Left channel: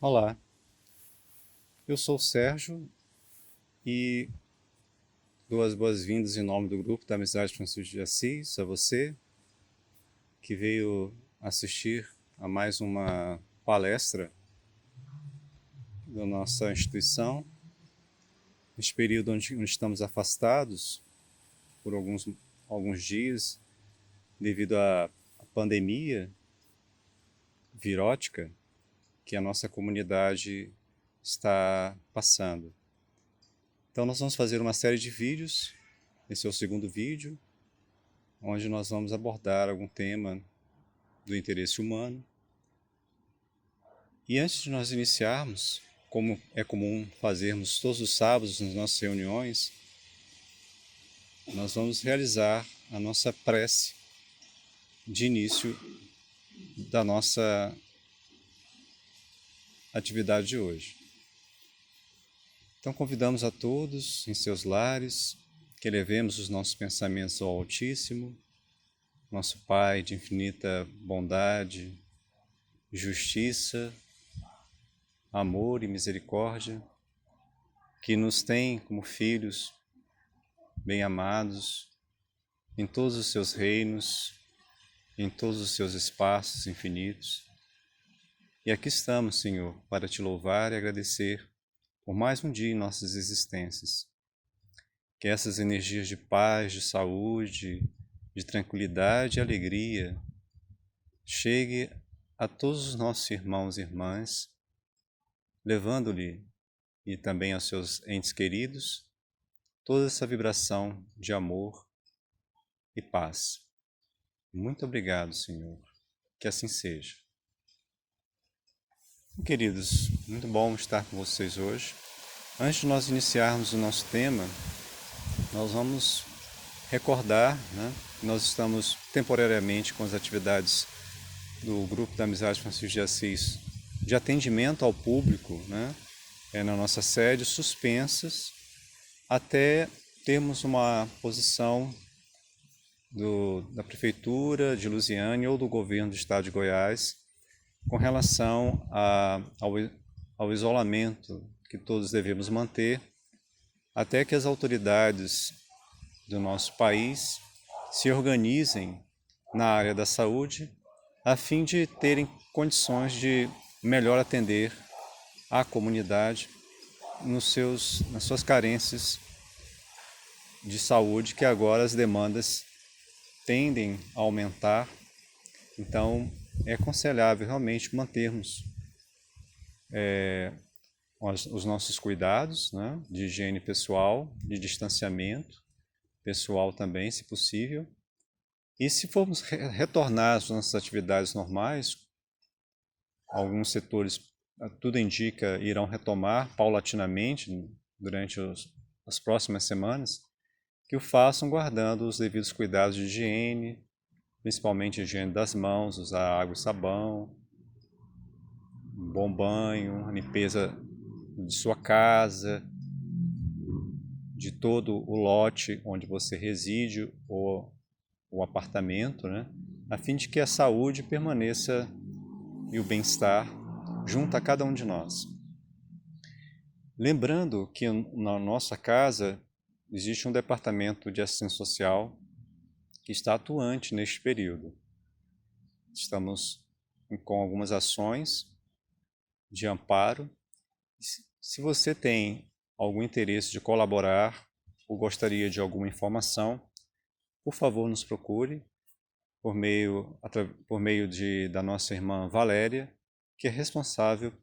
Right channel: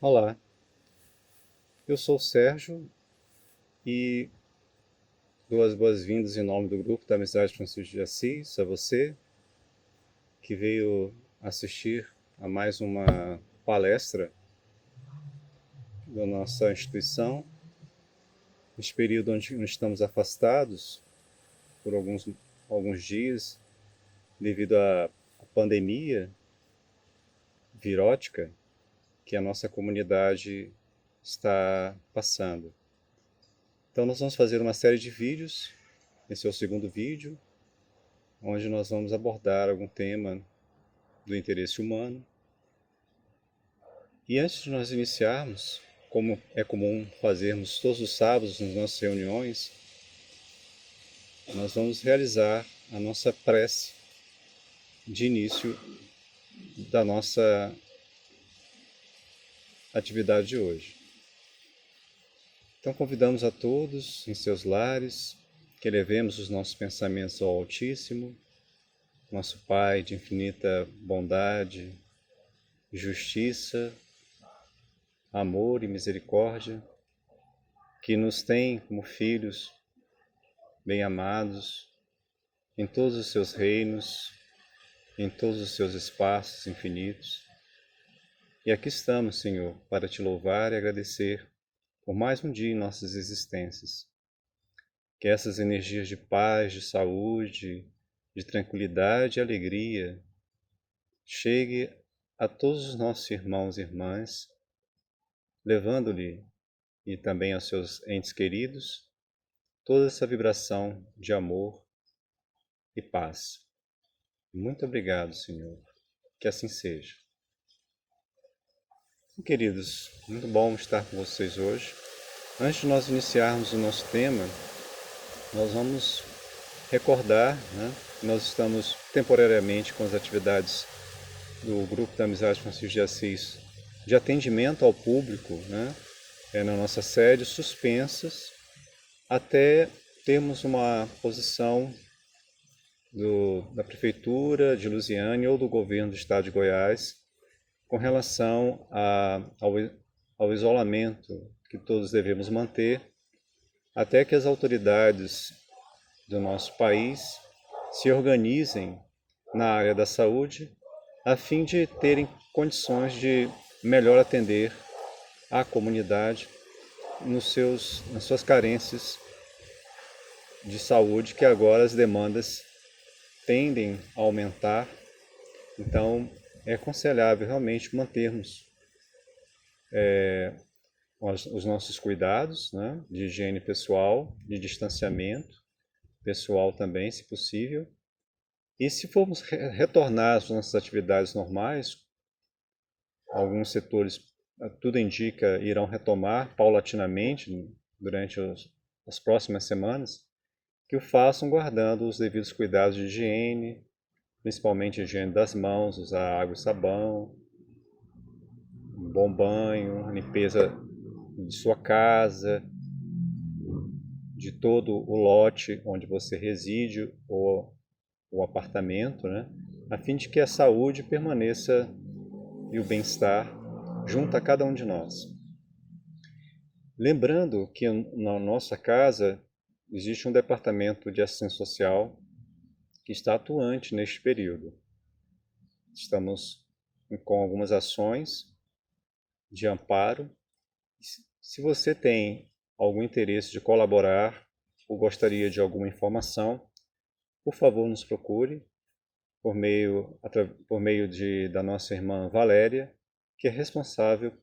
Olá, eu sou o Sérgio e dou as boas-vindas em nome do grupo da Amizade Francisco de Assis a você que veio assistir a mais uma palestra da nossa instituição. Neste período onde estamos afastados por alguns dias devido à pandemia virótica que a nossa comunidade está passando. Então nós vamos fazer uma série de vídeos, esse é o segundo vídeo, onde nós vamos abordar algum tema do interesse humano. E antes de nós iniciarmos, como é comum fazermos todos os sábados nas nossas reuniões, nós vamos realizar a nossa prece de início da nossa atividade de hoje. Então convidamos a todos em seus lares que elevemos os nossos pensamentos ao Altíssimo, nosso Pai de infinita bondade, justiça, amor e misericórdia, que nos tem como filhos bem-amados em todos os seus reinos, em todos os seus espaços infinitos. E aqui estamos, Senhor, para te louvar e agradecer por mais um dia em nossas existências. Que essas energias de paz, de saúde, de tranquilidade e alegria chegue a todos os nossos irmãos e irmãs, levando-lhe e também aos seus entes queridos toda essa vibração de amor e paz. Muito obrigado, Senhor. Que assim seja. Queridos, muito bom estar com vocês hoje. Antes de nós iniciarmos o nosso tema, nós vamos recordar, que nós estamos temporariamente com as atividades do Grupo da Amizade Francisco de Assis de atendimento ao público, na nossa sede, suspensas, até termos uma posição da Prefeitura de Lusiânia ou do Governo do Estado de Goiás com relação ao isolamento que todos devemos manter até que as autoridades do nosso país se organizem na área da saúde a fim de terem condições de melhor atender a comunidade nas suas carências de saúde, que agora as demandas tendem a aumentar. Então, é aconselhável realmente mantermos os nossos cuidados, de higiene pessoal, de distanciamento pessoal também, se possível. E se formos retornar às nossas atividades normais, alguns setores, tudo indica, irão retomar paulatinamente durante as próximas semanas, que o façam guardando os devidos cuidados de higiene, principalmente a higiene das mãos, usar água e sabão, um bom banho, limpeza de sua casa, de todo o lote onde você reside ou o apartamento, a fim de que a saúde permaneça e o bem-estar junto a cada um de nós. Lembrando que na nossa casa existe um departamento de assistência social que está atuante neste período. Estamos com algumas ações de amparo. Se você tem algum interesse de colaborar ou gostaria de alguma informação, por favor nos procure por meio da nossa irmã Valéria, que é responsável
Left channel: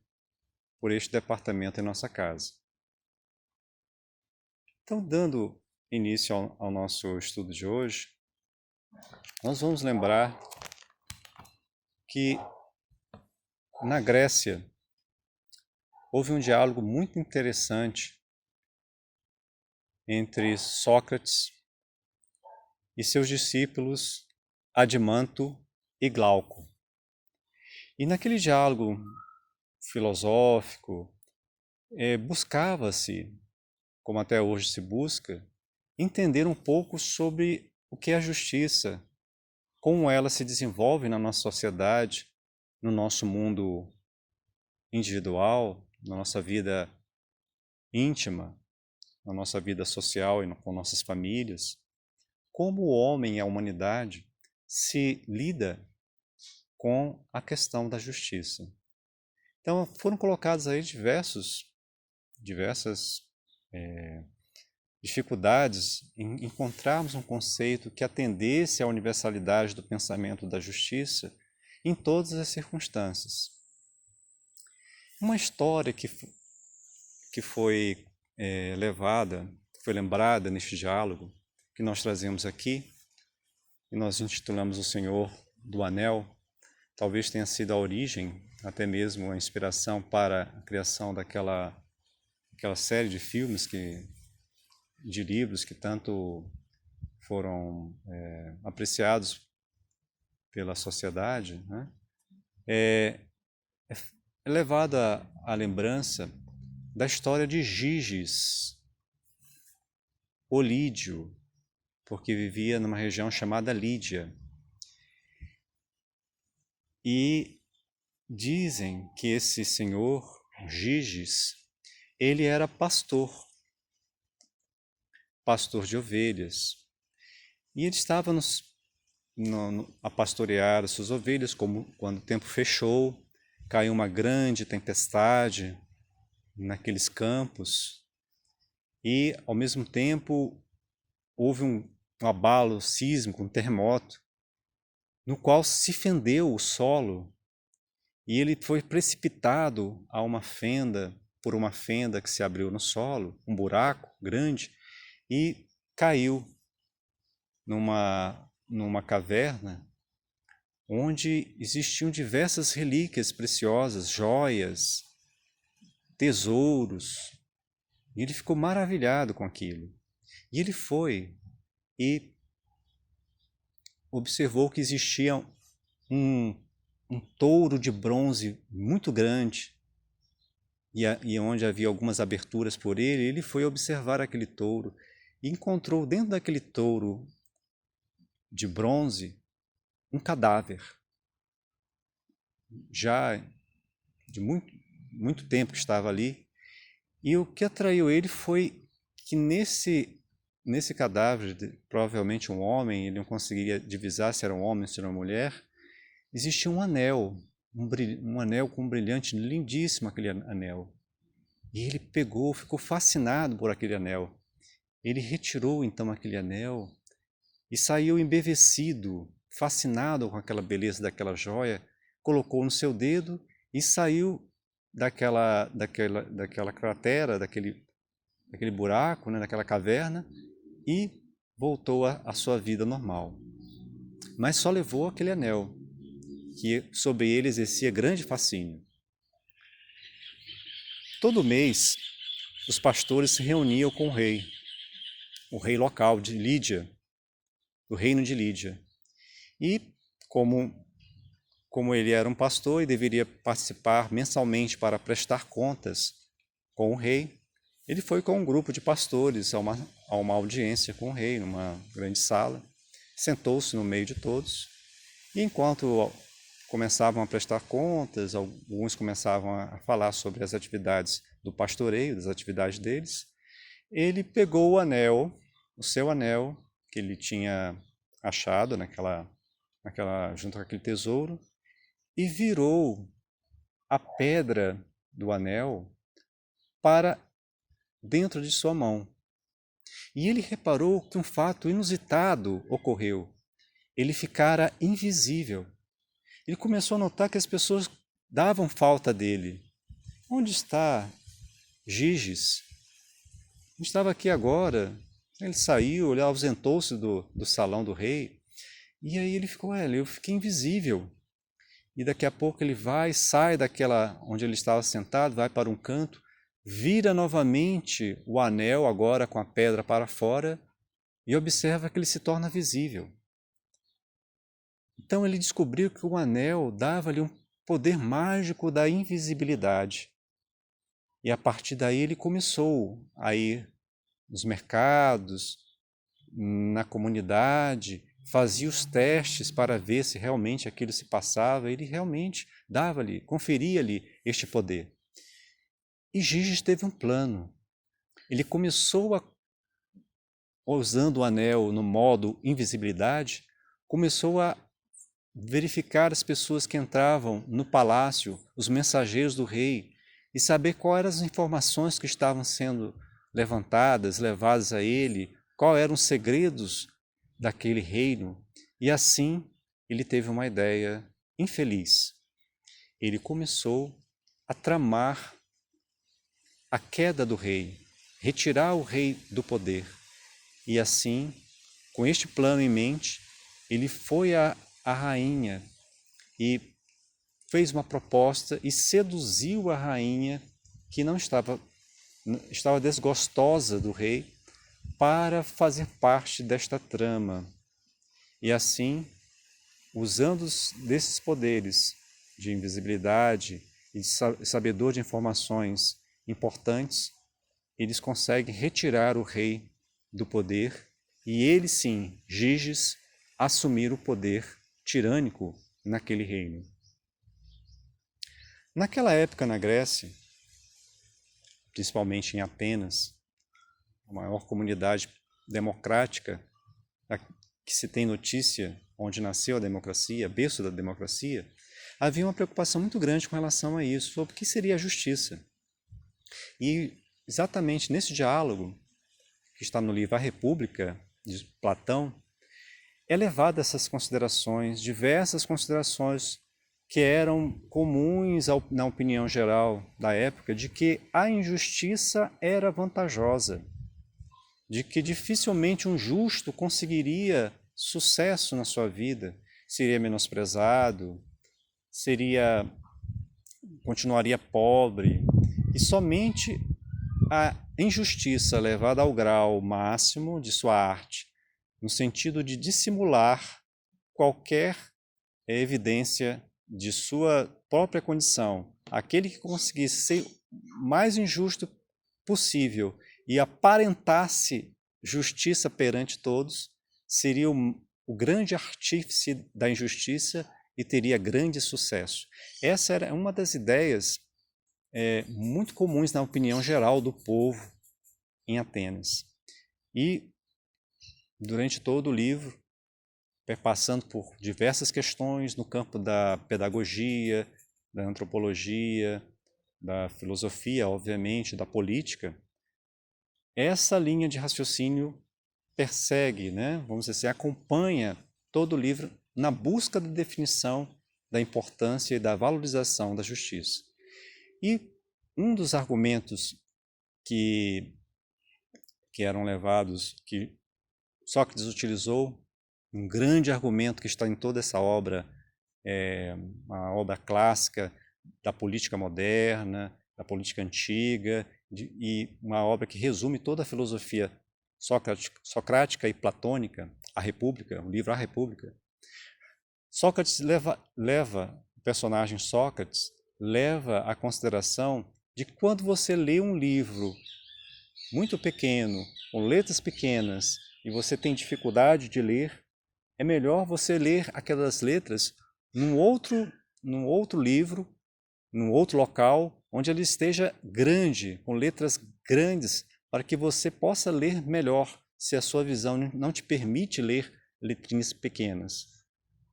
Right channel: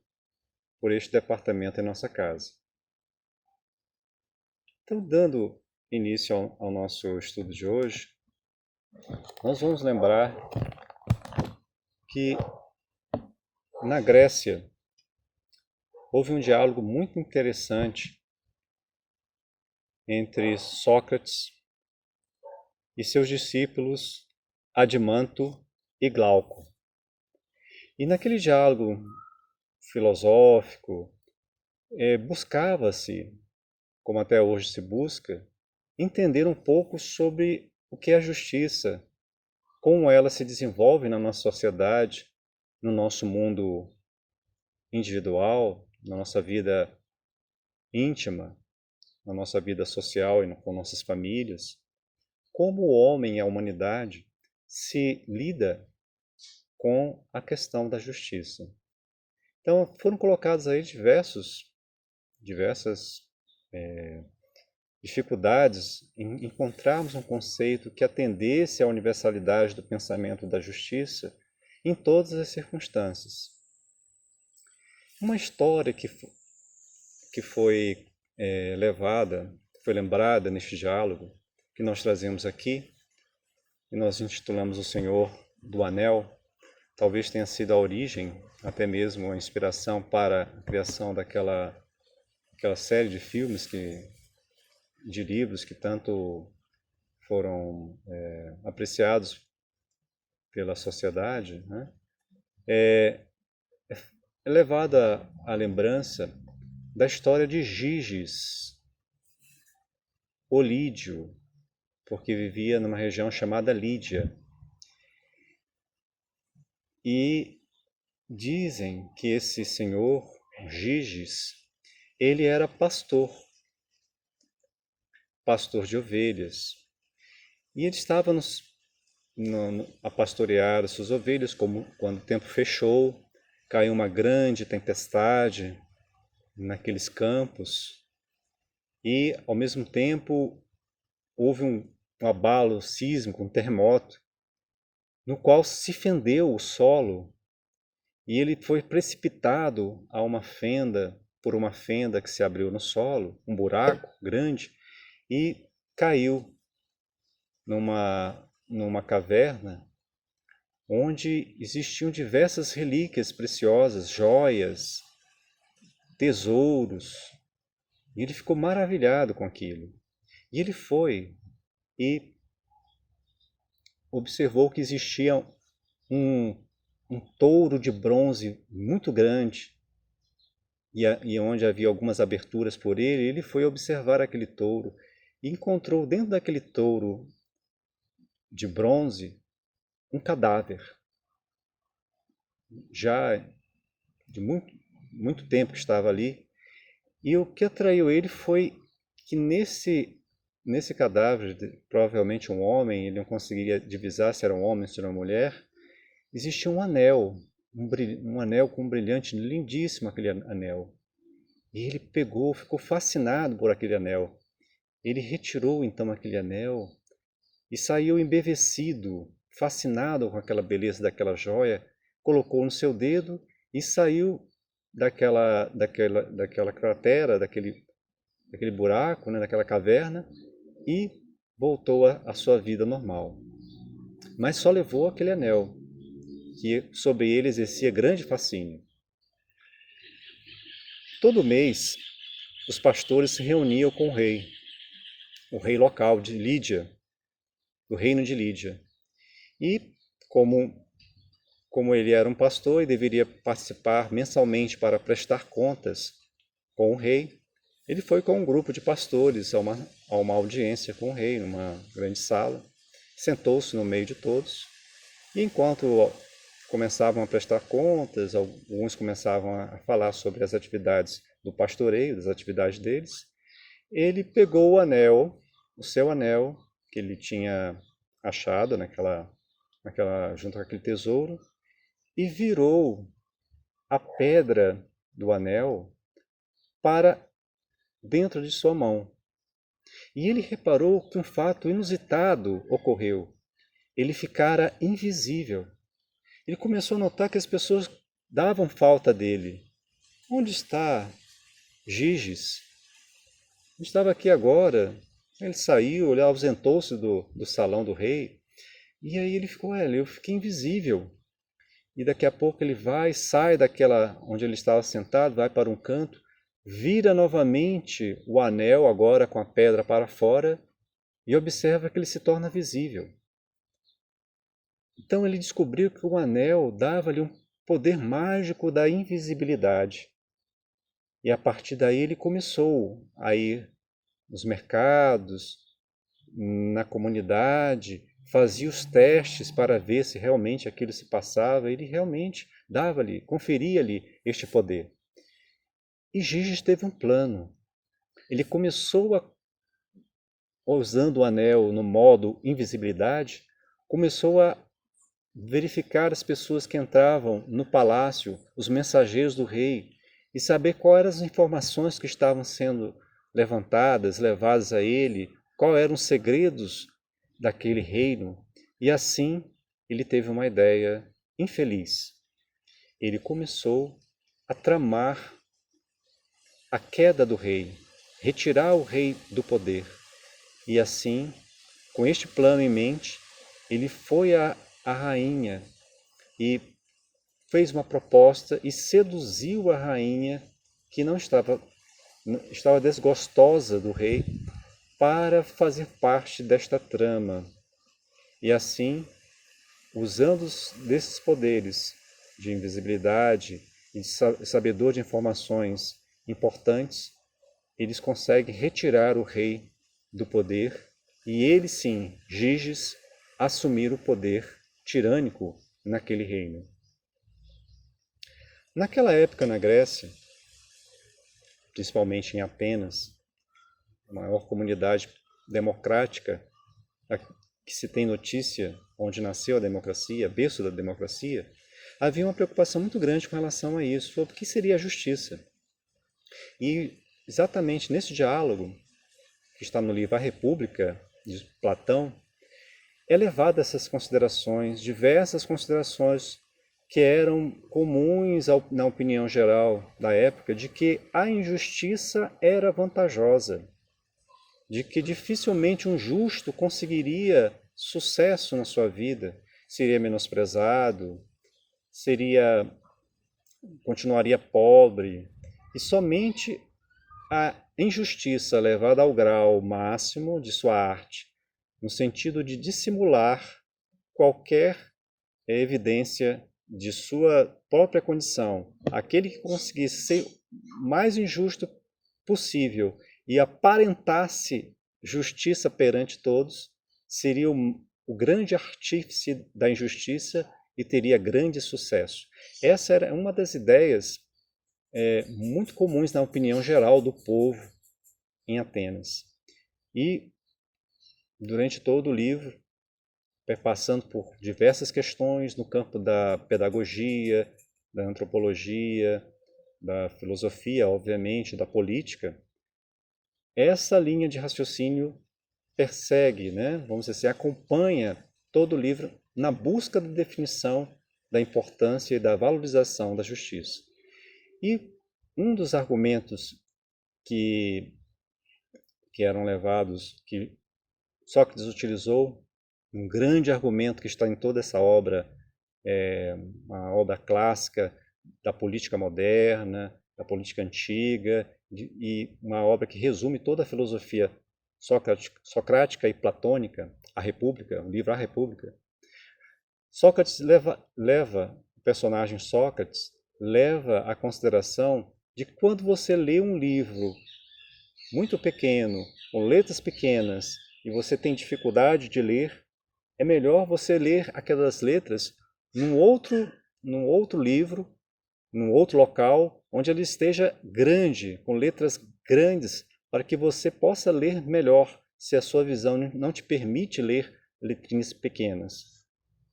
por este departamento em nossa casa. Então, dando início ao nosso estudo de hoje, nós vamos lembrar que na Grécia houve um diálogo muito interessante entre Sócrates e seus discípulos Adimanto e Glauco. E naquele diálogo filosófico, buscava-se, como até hoje se busca, entender um pouco sobre o que é a justiça, como ela se desenvolve na nossa sociedade, no nosso mundo individual, na nossa vida íntima, na nossa vida social e com nossas famílias, como o homem e a humanidade se lida com a questão da justiça. Então foram colocadas aí diversas dificuldades em encontrarmos um conceito que atendesse à universalidade do pensamento da justiça em todas as circunstâncias. Uma história que foi foi lembrada neste diálogo que nós trazemos aqui, e nós intitulamos O Senhor do Anel, talvez tenha sido a origem, até mesmo a inspiração para a criação daquela série de filmes, de livros que tanto foram apreciados pela sociedade, né? É levada à lembrança da história de Giges, o Lídio, porque vivia numa região chamada Lídia. E dizem que esse senhor, Giges, ele era pastor de ovelhas. E ele estava a pastorear as suas ovelhas, quando o tempo fechou, caiu uma grande tempestade naqueles campos, e ao mesmo tempo houve um abalo sísmico, um terremoto, no qual se fendeu o solo e ele foi precipitado por uma fenda que se abriu no solo, um buraco grande, e caiu numa caverna onde existiam diversas relíquias preciosas, joias, tesouros. E ele ficou maravilhado com aquilo. E ele foi e observou que existia um touro de bronze muito grande, e onde havia algumas aberturas por ele. Ele foi observar aquele touro e encontrou dentro daquele touro de bronze um cadáver, já de muito tempo que estava ali. E o que atraiu ele foi que nesse cadáver, provavelmente um homem, ele não conseguiria divisar se era um homem ou se era uma mulher, existia um anel, um anel com um brilhante lindíssimo, aquele anel. E ele ficou fascinado por aquele anel. Ele retirou então aquele anel e saiu embevecido, fascinado com aquela beleza daquela joia, colocou no seu dedo e saiu daquela cratera, daquele buraco, né, daquela caverna, e voltou à sua vida normal. Mas só levou aquele anel, que sobre ele exercia grande fascínio. Todo mês, os pastores se reuniam com o rei local de Lídia, do reino de Lídia. E como ele era um pastor e deveria participar mensalmente para prestar contas com o rei, ele foi com um grupo de pastores a uma audiência com o rei, numa grande sala, sentou-se no meio de todos, e enquanto começavam a prestar contas, alguns começavam a falar sobre as atividades do pastoreio, das atividades deles, ele pegou o seu anel, que ele tinha achado junto com aquele tesouro, e virou a pedra do anel para dentro de sua mão. E ele reparou que um fato inusitado ocorreu. Ele ficara invisível. Ele começou a notar que as pessoas davam falta dele. Onde está Giges? Não estava aqui agora. Ele saiu, ele ausentou-se do salão do rei. E aí ele ficou, eu fiquei invisível. E daqui a pouco ele sai daquela onde ele estava sentado, vai para um canto, vira novamente o anel, agora com a pedra para fora, e observa que ele se torna visível. Então ele descobriu que o anel dava-lhe um poder mágico da invisibilidade. E a partir daí ele começou a ir nos mercados, na comunidade, fazia os testes para ver se realmente aquilo se passava, ele realmente dava-lhe, conferia-lhe este poder. E Giges teve um plano. Ele começou usando o anel no modo invisibilidade, começou a verificar as pessoas que entravam no palácio, os mensageiros do rei, e saber quais eram as informações que estavam sendo levantadas, levadas a ele, quais eram os segredos daquele reino. E assim ele teve uma ideia infeliz. Ele começou a tramar a queda do rei, retirar o rei do poder. E assim, com este plano em mente, ele foi à rainha e fez uma proposta e seduziu a rainha, que não estava desgostosa do rei, para fazer parte desta trama. E assim, usando desses poderes de invisibilidade e de sabedor de informações importantes, eles conseguem retirar o rei do poder e ele sim, Giges, assumir o poder tirânico naquele reino. Naquela época na Grécia, principalmente em Atenas, a maior comunidade democrática que se tem notícia, onde nasceu a democracia, berço da democracia, havia uma preocupação muito grande com relação a isso, sobre o que seria a justiça. E exatamente nesse diálogo, que está no livro A República, de Platão, é levado essas considerações, diversas considerações que eram comuns na opinião geral da época, de que a injustiça era vantajosa, de que dificilmente um justo conseguiria sucesso na sua vida, seria menosprezado, continuaria pobre, e somente a injustiça levada ao grau máximo de sua arte, no sentido de dissimular qualquer evidência de sua própria condição, aquele que conseguisse ser mais injusto possível e aparentasse justiça perante todos, seria o grande artífice da injustiça e teria grande sucesso. Essa era uma das ideias muito comuns na opinião geral do povo em Atenas. E durante todo o livro, passando por diversas questões no campo da pedagogia, da antropologia, da filosofia, obviamente, da política, essa linha de raciocínio persegue, né, vamos dizer assim, acompanha todo o livro na busca da definição da importância e da valorização da justiça. E um dos argumentos que eram levados, que Sócrates utilizou, um grande argumento que está em toda essa obra, uma obra clássica da política moderna, da política antiga, e uma obra que resume toda a filosofia socrática e platônica, A República, o livro A República. Sócrates o personagem Sócrates leva à consideração de quando você lê um livro muito pequeno, com letras pequenas, e você tem dificuldade de ler, é melhor você ler aquelas letras num outro livro, num outro local, onde ele esteja grande, com letras grandes, para que você possa ler melhor, se a sua visão não te permite ler letrinhas pequenas.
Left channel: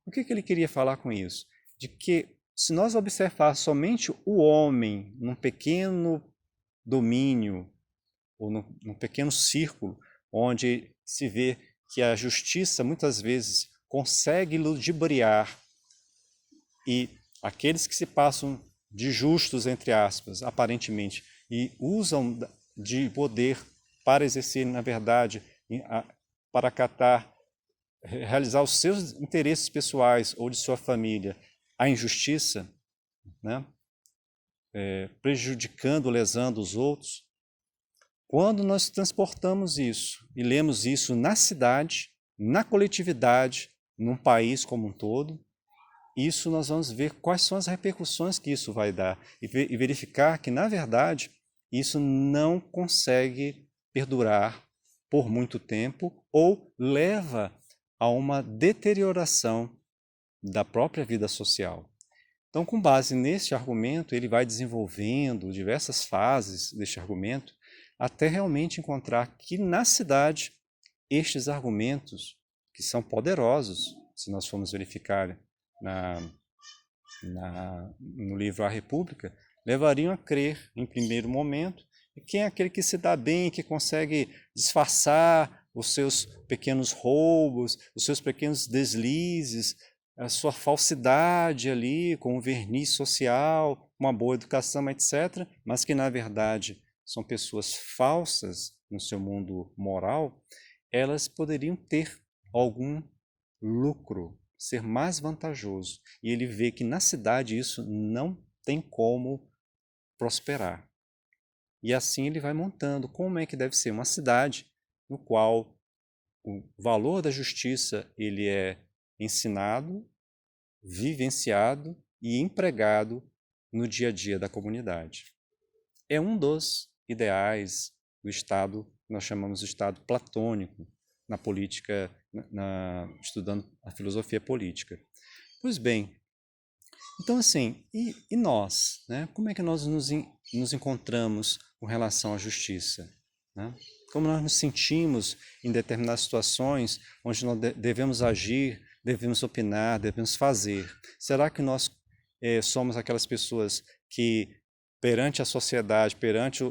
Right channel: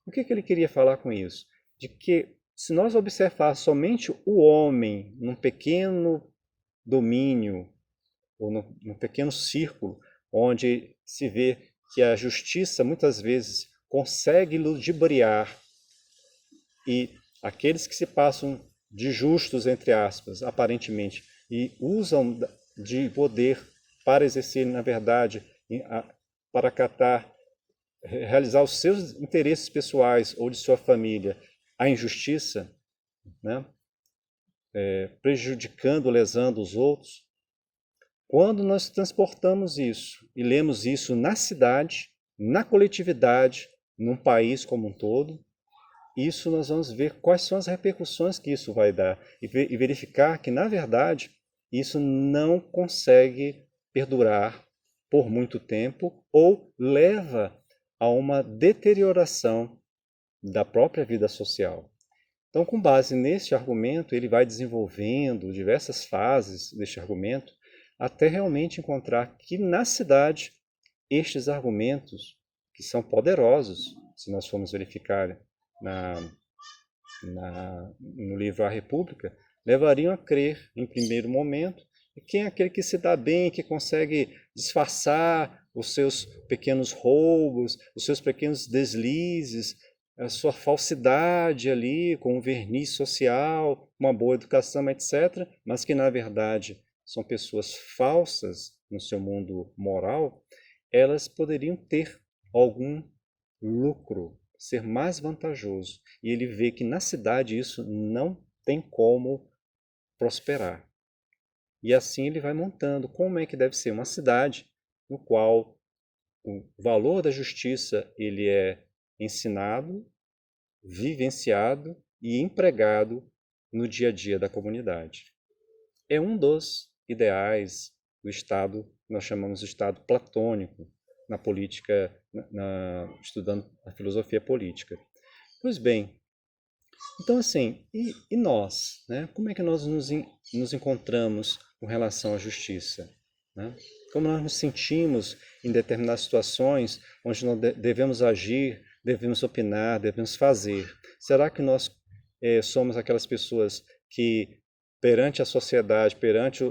O que ele queria falar com isso? De que se nós observar somente o homem num pequeno domínio, ou num pequeno círculo, onde se vê que a justiça muitas vezes consegue ludibriar e aqueles que se passam de justos, entre aspas, aparentemente, e usam de poder para exercer, na verdade, para realizar os seus interesses pessoais ou de sua família, a injustiça, né? Prejudicando, lesando os outros. Quando nós transportamos isso e lemos isso na cidade, na coletividade, num país como um todo, isso nós vamos ver quais são as repercussões que isso vai dar e verificar que, na verdade, isso não consegue perdurar por muito tempo ou leva a uma deterioração da própria vida social. Então, com base nesse argumento, ele vai desenvolvendo diversas fases deste argumento até realmente encontrar que na cidade estes argumentos, que são poderosos, se nós formos verificar no livro A República, levariam a crer, em primeiro momento, que quem é aquele que se dá bem, que consegue disfarçar os seus pequenos roubos, os seus pequenos deslizes, a sua falsidade ali, com um verniz social, uma boa educação, etc., mas que, na verdade, são pessoas falsas no seu mundo moral, elas poderiam ter algum lucro, ser mais vantajoso. E ele vê que na cidade isso não tem como prosperar. E assim ele vai montando como é que deve ser uma cidade no qual o valor da justiça ele é ensinado, vivenciado e empregado no dia a dia da comunidade. É um dos ideais do Estado, que nós chamamos de Estado platônico, na política, estudando a filosofia política. Pois bem, então assim, e nós? Né? Como é que nós nos encontramos com relação à justiça? Né? Como nós nos sentimos em determinadas situações onde nós devemos agir, devemos opinar, devemos fazer? Será que nós somos aquelas pessoas que, perante a sociedade, perante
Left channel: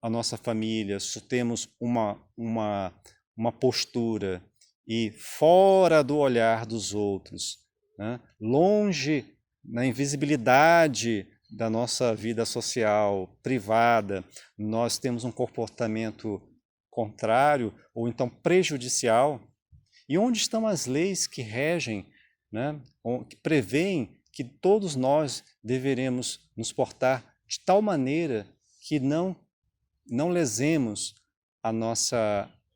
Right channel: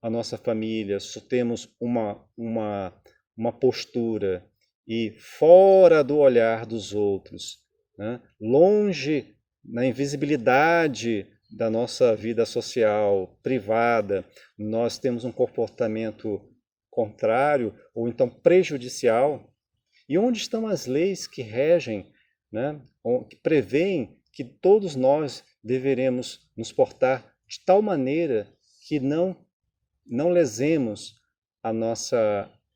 a nossa família, temos uma postura e fora do olhar dos outros, né? Longe, na invisibilidade da nossa vida social, privada, nós temos um comportamento contrário ou então prejudicial? E onde estão as leis que regem, né, que prevêem que todos nós deveremos nos portar de tal maneira que não lesemos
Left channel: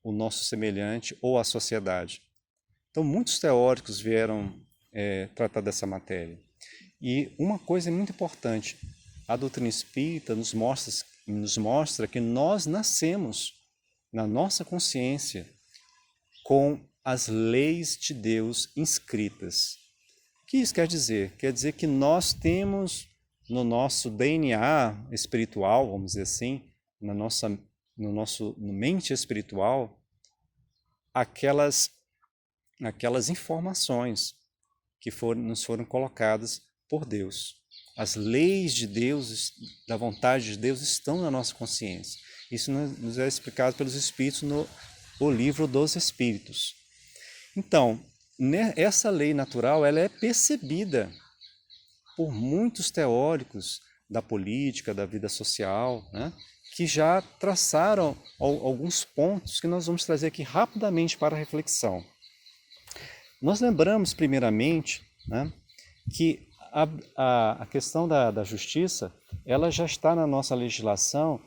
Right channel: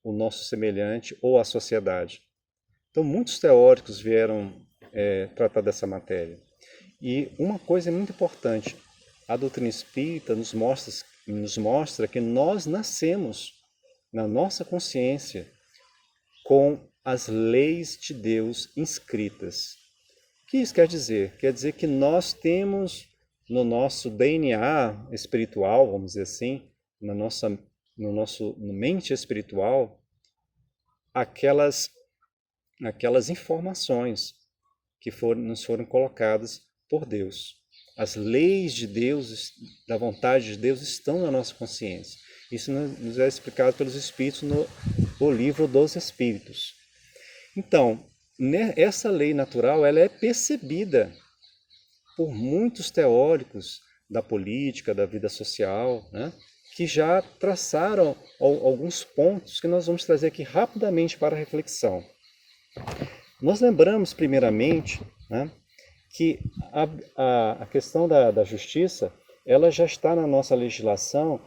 o nosso semelhante ou a sociedade? Então, muitos teóricos vieram tratar dessa matéria. E uma coisa é muito importante: a doutrina espírita nos mostra que nós nascemos na nossa consciência com as leis de Deus inscritas. O que isso quer dizer? Quer dizer que nós temos no nosso DNA espiritual, vamos dizer assim, no nosso mente espiritual, aquelas informações que nos foram colocadas por Deus. As leis de Deus, da vontade de Deus, estão na nossa consciência. Isso nos é explicado pelos Espíritos no livro dos Espíritos. Então, essa lei natural ela é percebida por muitos teóricos da política, da vida social, né, que já traçaram alguns pontos que nós vamos trazer aqui rapidamente para a reflexão. Nós lembramos, primeiramente, né, que a questão da justiça ela já está na nossa legislação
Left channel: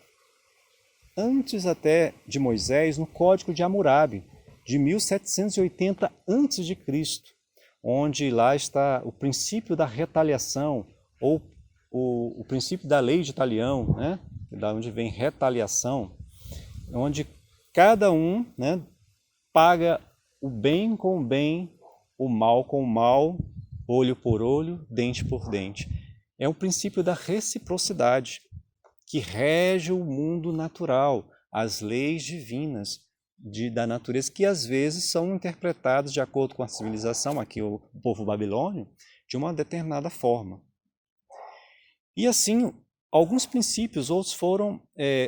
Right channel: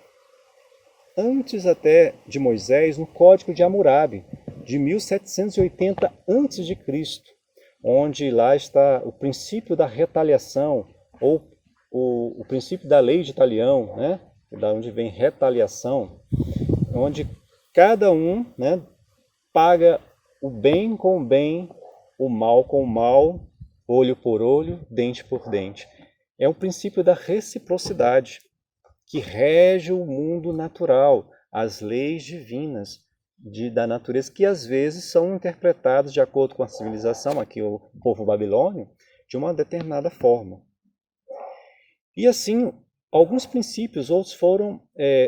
antes até de Moisés, no Código de Hammurabi, de 1780 a.C., onde lá está o princípio da retaliação, ou o princípio da lei de talião, né? Da onde vem retaliação, onde cada um, né, paga o bem com o bem, o mal com o mal, olho por olho, dente por dente. É o princípio da reciprocidade que rege o mundo natural, as leis divinas da natureza, que às vezes são interpretadas de acordo com a civilização, aqui o povo babilônio, de uma determinada forma. E assim, alguns princípios, outros foram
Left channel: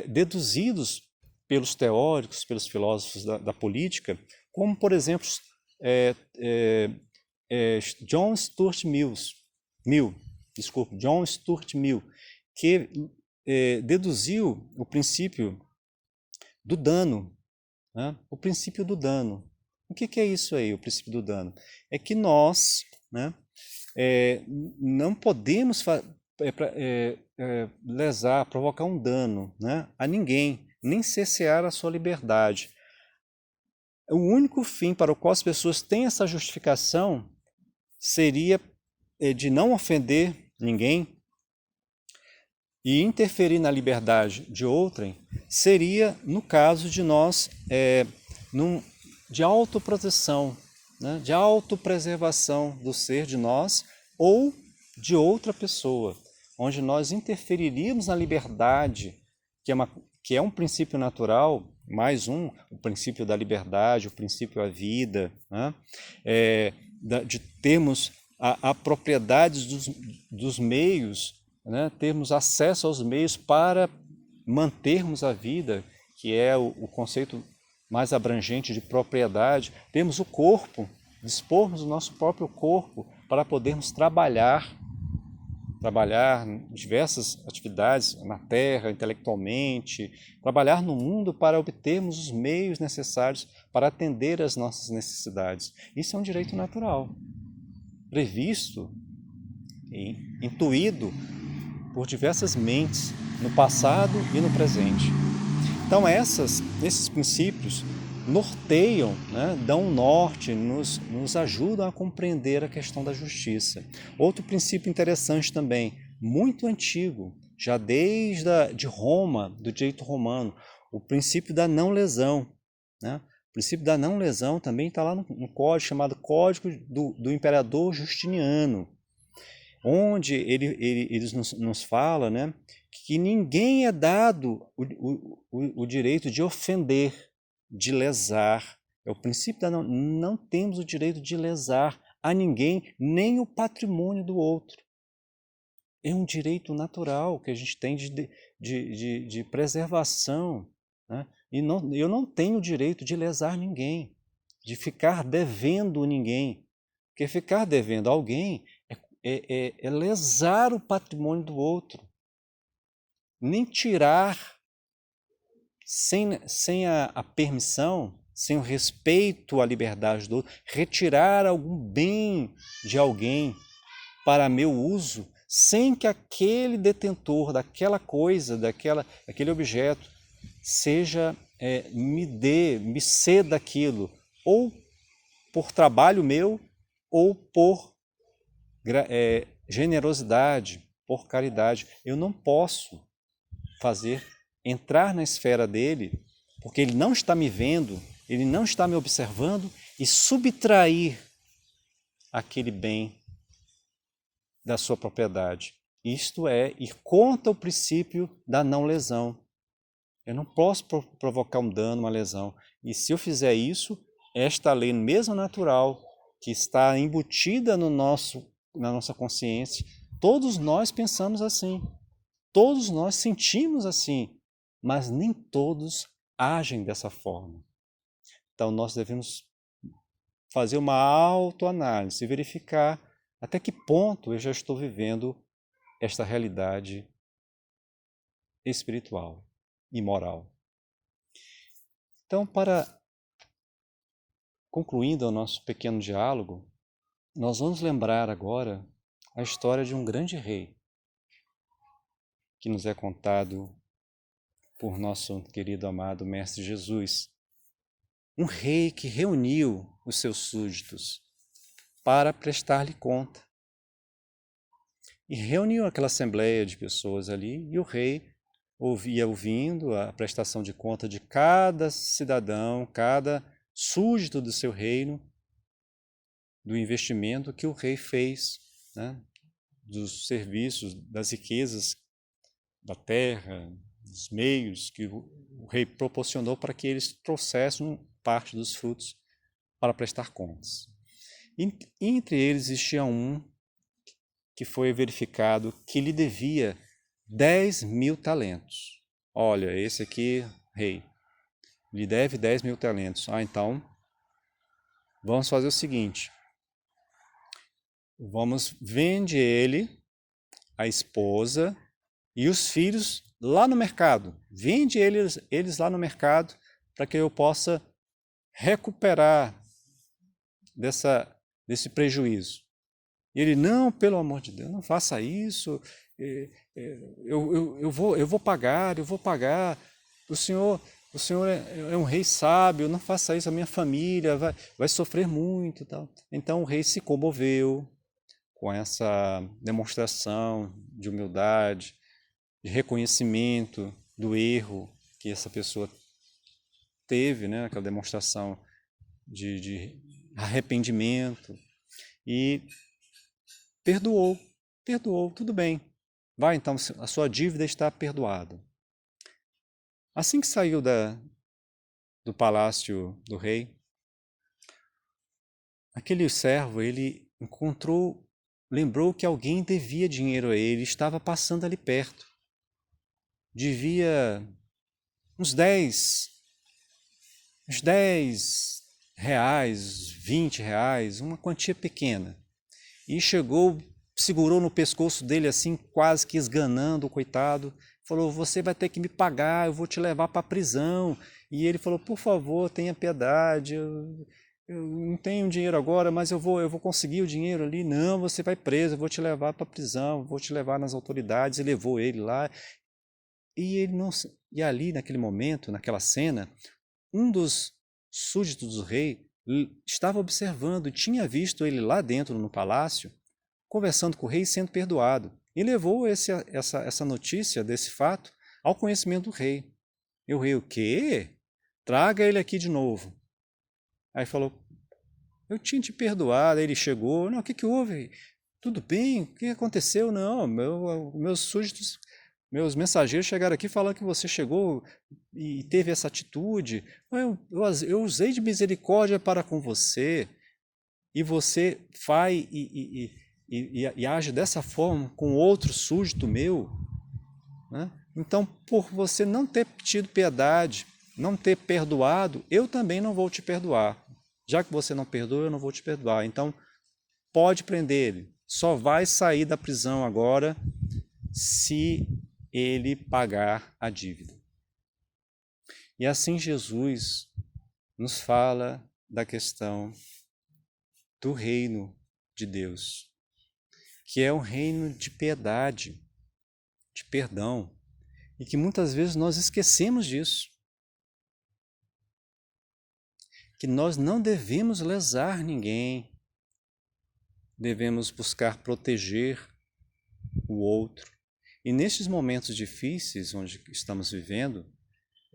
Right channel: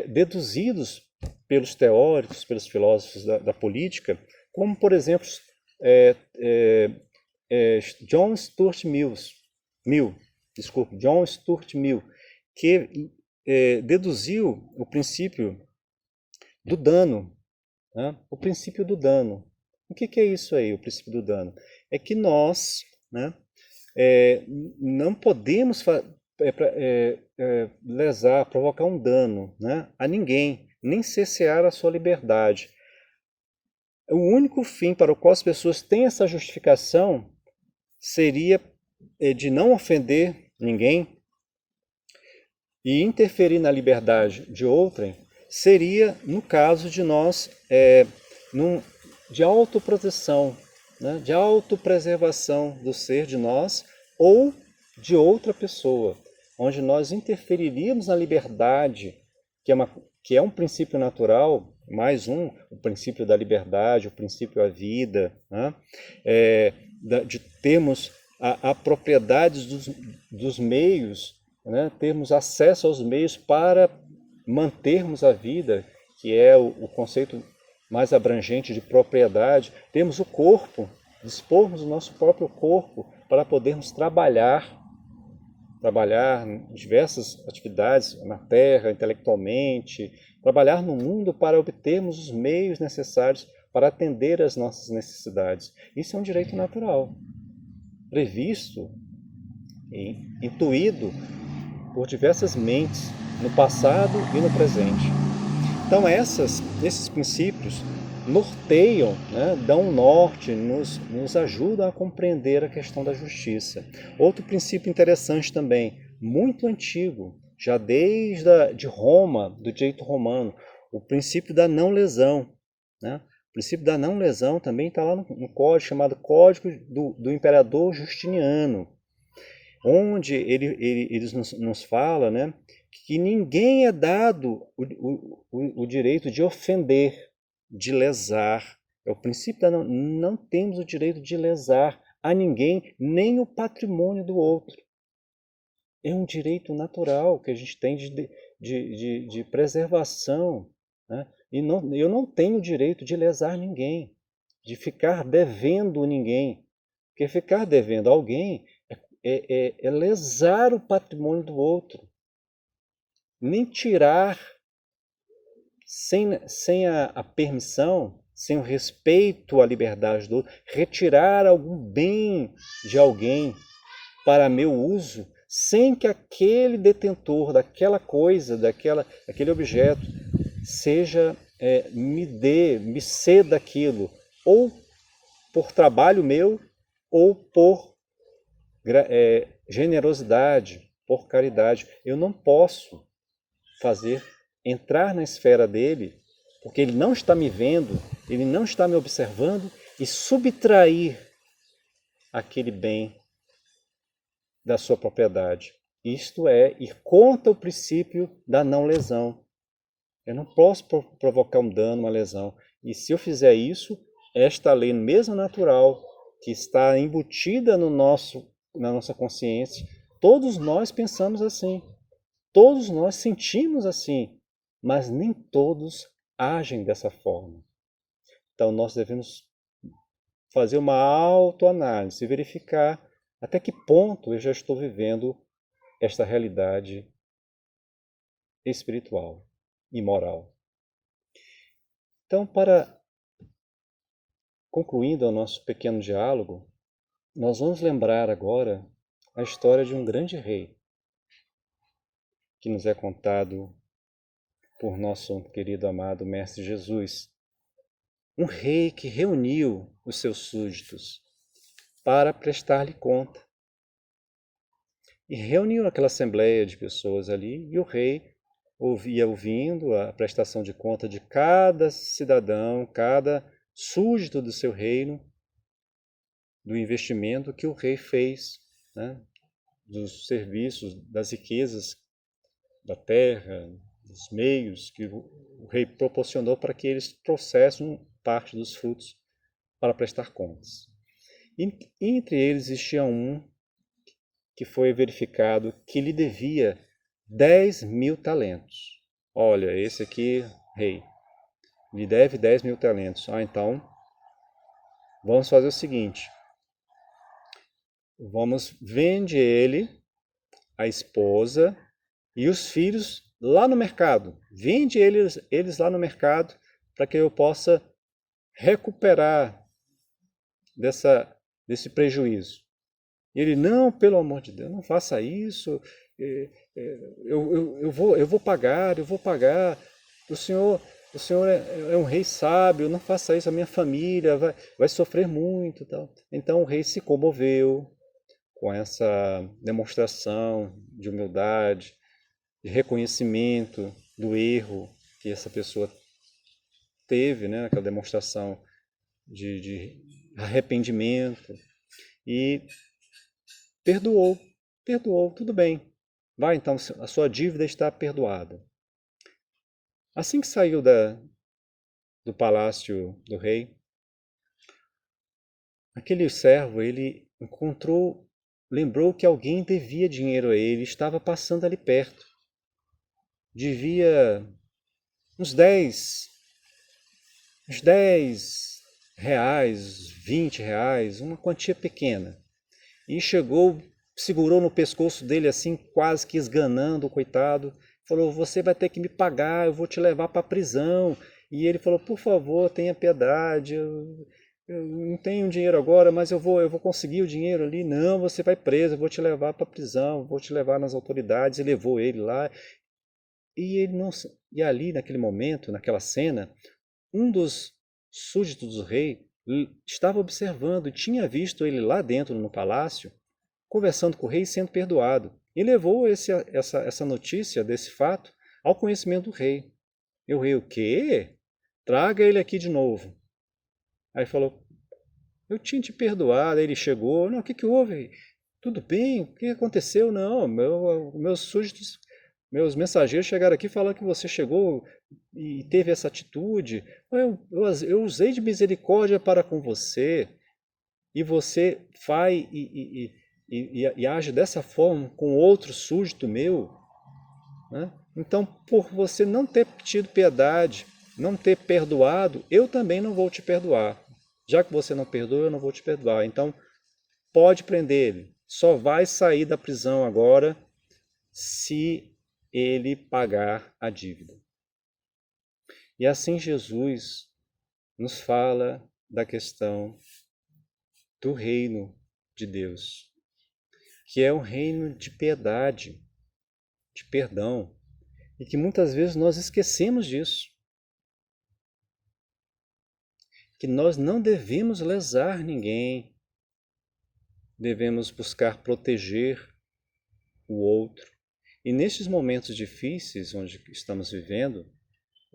deduzidos pelos teóricos, pelos filósofos da política, como, por exemplo, John Stuart Mill, que deduziu o princípio do dano, né? O princípio do dano. O que é isso aí, o princípio do dano? É que nós, né, não podemos lesar, provocar um dano, né, a ninguém, nem cercear a sua liberdade. O único fim para o qual as pessoas têm essa justificação seria de não ofender ninguém e interferir na liberdade de outrem, seria no caso de nós, de autoproteção, né, de autopreservação do ser de nós ou de outra pessoa, onde nós interferiríamos na liberdade, que é um princípio natural, mais um, o princípio da liberdade, o princípio da vida, né, de termos a propriedade dos meios, né, termos acesso aos meios para mantermos a vida, que é o conceito mais abrangente de propriedade. Temos o corpo, dispormos do nosso próprio corpo para podermos trabalhar em diversas atividades na Terra, intelectualmente, trabalhar no mundo para obtermos os meios necessários para atender às nossas necessidades. Isso é um direito natural, previsto e intuído por diversas mentes no passado e no presente. Então esses princípios norteiam, né, dão um norte, nos ajudam a compreender a questão da justiça. Outro princípio interessante também, muito antigo, já de Roma, do direito romano, o princípio da não lesão. Né? O princípio da não lesão também está lá no código chamado Código do Imperador Justiniano, onde eles nos fala, né, que ninguém é dado o direito de ofender, de lesar. É o princípio da não temos o direito de lesar a ninguém, nem o patrimônio do outro. É um direito natural que a gente tem de preservação. Né? E eu não tenho o direito de lesar ninguém, de ficar devendo ninguém. Porque ficar devendo alguém é lesar o patrimônio do outro. Nem tirar sem a permissão, sem o respeito à liberdade do outro, retirar algum bem de alguém para meu uso, sem que aquele detentor daquela coisa, daquele objeto, me ceda aquilo, ou por trabalho meu, ou por generosidade, por caridade. Eu não posso entrar na esfera dele, porque ele não está me vendo, ele não está me observando, e subtrair aquele bem da sua propriedade. Isto é ir contra o princípio da não lesão. Eu não posso provocar um dano, uma lesão. E se eu fizer isso, esta lei mesmo natural, que está embutida na nossa consciência, todos nós pensamos assim. Todos nós sentimos assim, mas nem todos agem dessa forma. Então nós devemos fazer uma autoanálise, verificar até que ponto eu já estou vivendo esta realidade espiritual e moral. Então, concluindo o nosso pequeno diálogo, nós vamos lembrar agora a história de um grande rei que nos é contado por nosso querido amado Mestre Jesus. Um rei que reuniu os seus súditos para prestar-lhe conta. E reuniu aquela assembleia de pessoas ali, e o rei ouvindo a prestação de conta de cada cidadão, cada súdito do seu reino, do investimento que o rei fez, né? Dos serviços, das riquezas da terra, dos meios que o rei proporcionou para que eles trouxessem parte dos frutos para prestar contas. E entre eles existia um que foi verificado que lhe devia 10.000 talentos. Olha, esse aqui, rei, lhe deve 10.000 talentos. Então, vamos fazer o seguinte, vende ele, a esposa e os filhos lá no mercado. Vende eles lá no mercado para que eu possa recuperar desse prejuízo. E ele, não, pelo amor de Deus, não faça isso, eu vou pagar, o senhor é um rei sábio, não faça isso, a minha família vai sofrer muito. Tal. Então o rei se comoveu com essa demonstração de humildade, de reconhecimento do erro que essa pessoa teve, né, aquela demonstração de arrependimento e perdoou, tudo bem. Vai, então, a sua dívida está perdoada. Assim que saiu do palácio do rei, aquele servo, ele lembrou que alguém devia dinheiro a ele, estava passando ali perto. Devia uns 10 reais, 20 reais, uma quantia pequena. E chegou, segurou no pescoço dele assim, quase que esganando o coitado. Falou, você vai ter que me pagar, eu vou te levar para a prisão. E ele falou, por favor, tenha piedade, eu não tenho dinheiro agora, mas eu vou conseguir o dinheiro ali. Não, você vai preso, eu vou te levar para a prisão, vou te levar nas autoridades. E levou ele lá. E ele não, e ali naquele momento, naquela cena, um dos súditos do rei estava observando, tinha visto ele lá dentro no palácio, conversando com o rei e sendo perdoado. E levou essa notícia desse fato ao conhecimento do rei. E o rei, o quê? Traga ele aqui de novo. Aí falou, eu tinha te perdoado. Aí ele chegou, não, o que que houve? Tudo bem? O que aconteceu? Não, meus súditos, meus mensageiros chegaram aqui falando que você chegou e teve essa atitude. Eu usei de misericórdia para com você e você vai e age dessa forma com outro súdito meu, né? Então, por você não ter tido piedade, não ter perdoado, eu também não vou te perdoar. Já que você não perdoa, eu não vou te perdoar. Então, pode prender ele. Só vai sair da prisão agora se ele pagar a dívida. E assim Jesus nos fala da questão do reino de Deus, que é um reino de piedade, de perdão, e que muitas vezes nós esquecemos disso. Que nós não devemos lesar ninguém, devemos buscar proteger o outro. E nesses momentos difíceis onde estamos vivendo,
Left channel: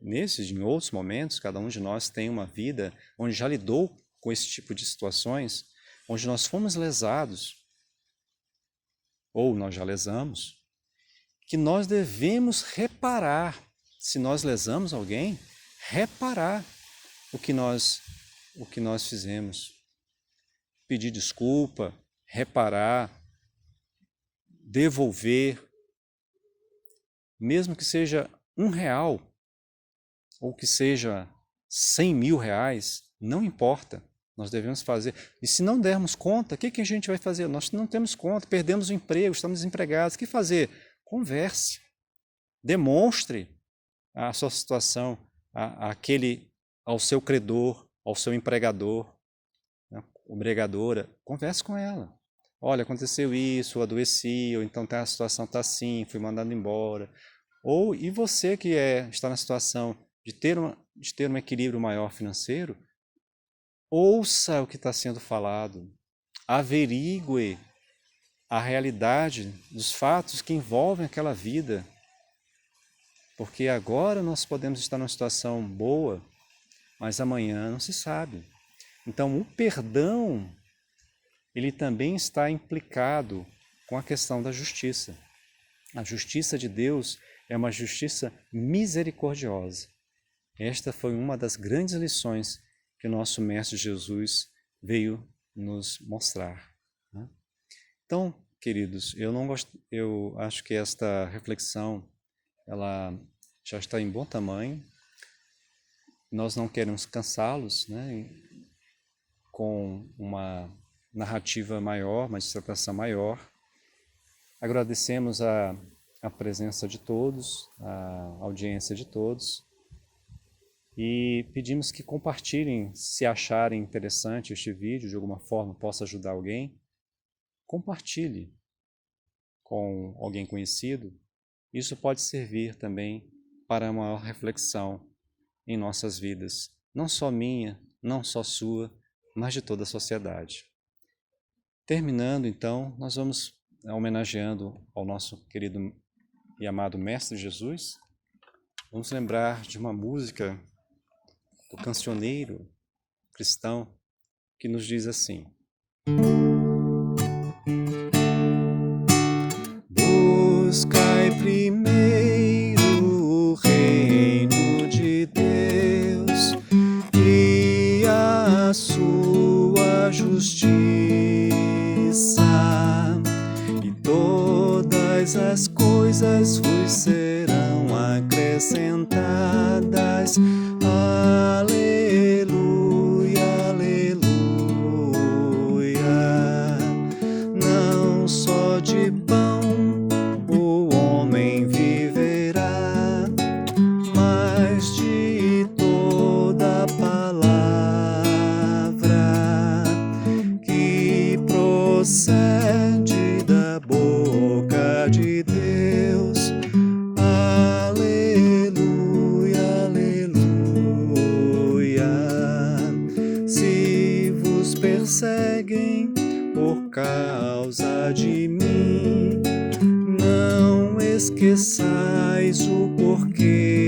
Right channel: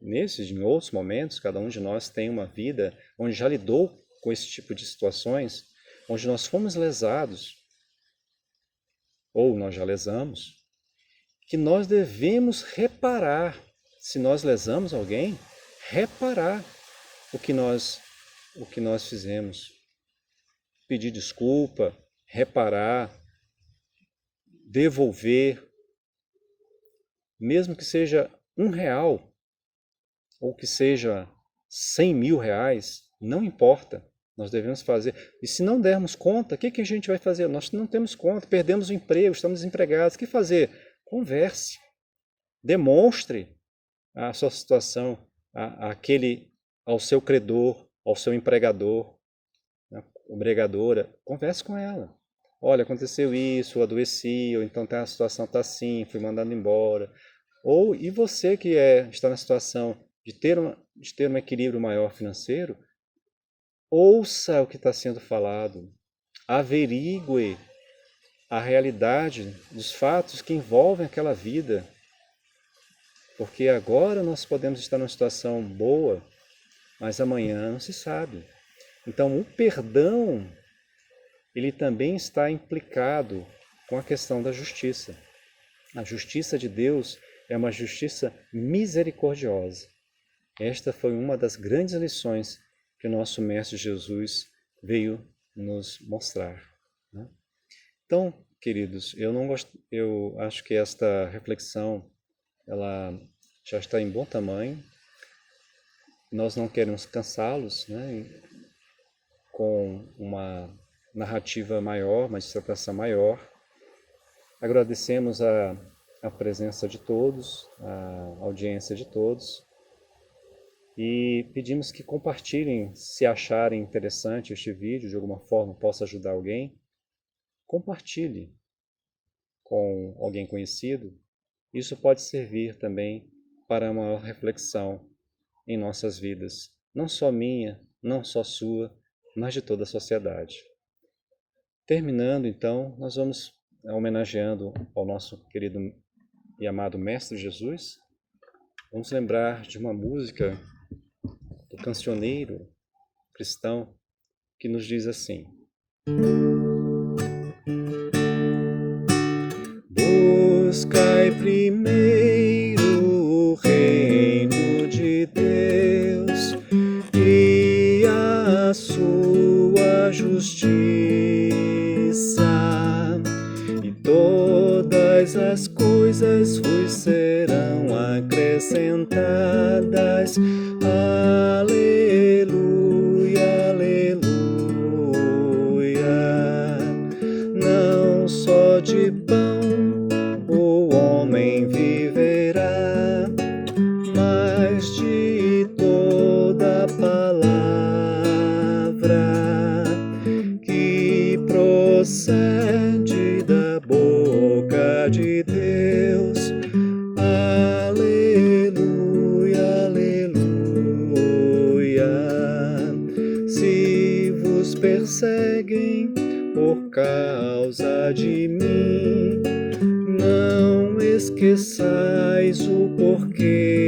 nesses e em outros momentos, cada um de nós tem uma vida onde já lidou com esse tipo de situações, onde nós fomos lesados, ou nós já lesamos, que nós devemos reparar, se nós lesamos alguém, reparar o que nós fizemos. Pedir desculpa, reparar, devolver, mesmo que seja R$ 1 ou que seja 100.000 reais, não importa, nós devemos fazer. E se não dermos conta, o que a gente vai fazer? Nós não temos conta, perdemos o emprego, estamos desempregados, o que fazer? Converse, demonstre a sua situação ao seu credor, ao seu empregador, né, empregadora, converse com ela. Olha, aconteceu isso, eu adoeci, ou então a situação está assim, fui mandado embora. Ou, e você que está na situação de ter um equilíbrio maior financeiro, ouça o que está sendo falado, averigue a realidade dos fatos que envolvem aquela vida, porque agora nós podemos estar numa situação boa, mas amanhã não se sabe. Então, o perdão, ele também está implicado com a questão da justiça. A justiça de Deus é uma justiça misericordiosa. Esta foi uma das grandes lições que o nosso Mestre Jesus veio nos mostrar, né? Então, queridos, eu acho que esta reflexão ela já está em bom tamanho. Nós não queremos cansá-los, né, com uma narrativa maior, uma dissertação maior. Agradecemos a presença de todos, a audiência de todos, e pedimos que compartilhem, se acharem interessante este vídeo, de alguma forma possa ajudar alguém, compartilhe com alguém conhecido. Isso pode servir também para uma maior reflexão em nossas vidas, não só minha, não só sua, mas de toda a sociedade. Terminando, então, nós vamos homenageando ao nosso querido e amado Mestre Jesus. Vamos lembrar de uma música do cancioneiro cristão que nos diz assim: buscai primeiro o reino de Deus e a sua justiça, e todas as coisas vos serão acrescentadas. Aleluia, aleluia. Não só de pão o homem viverá, mas de toda palavra que procede da boca de Deus. Aleluia, aleluia. Se vos perseguem por causa de mim, não esqueçais o porquê.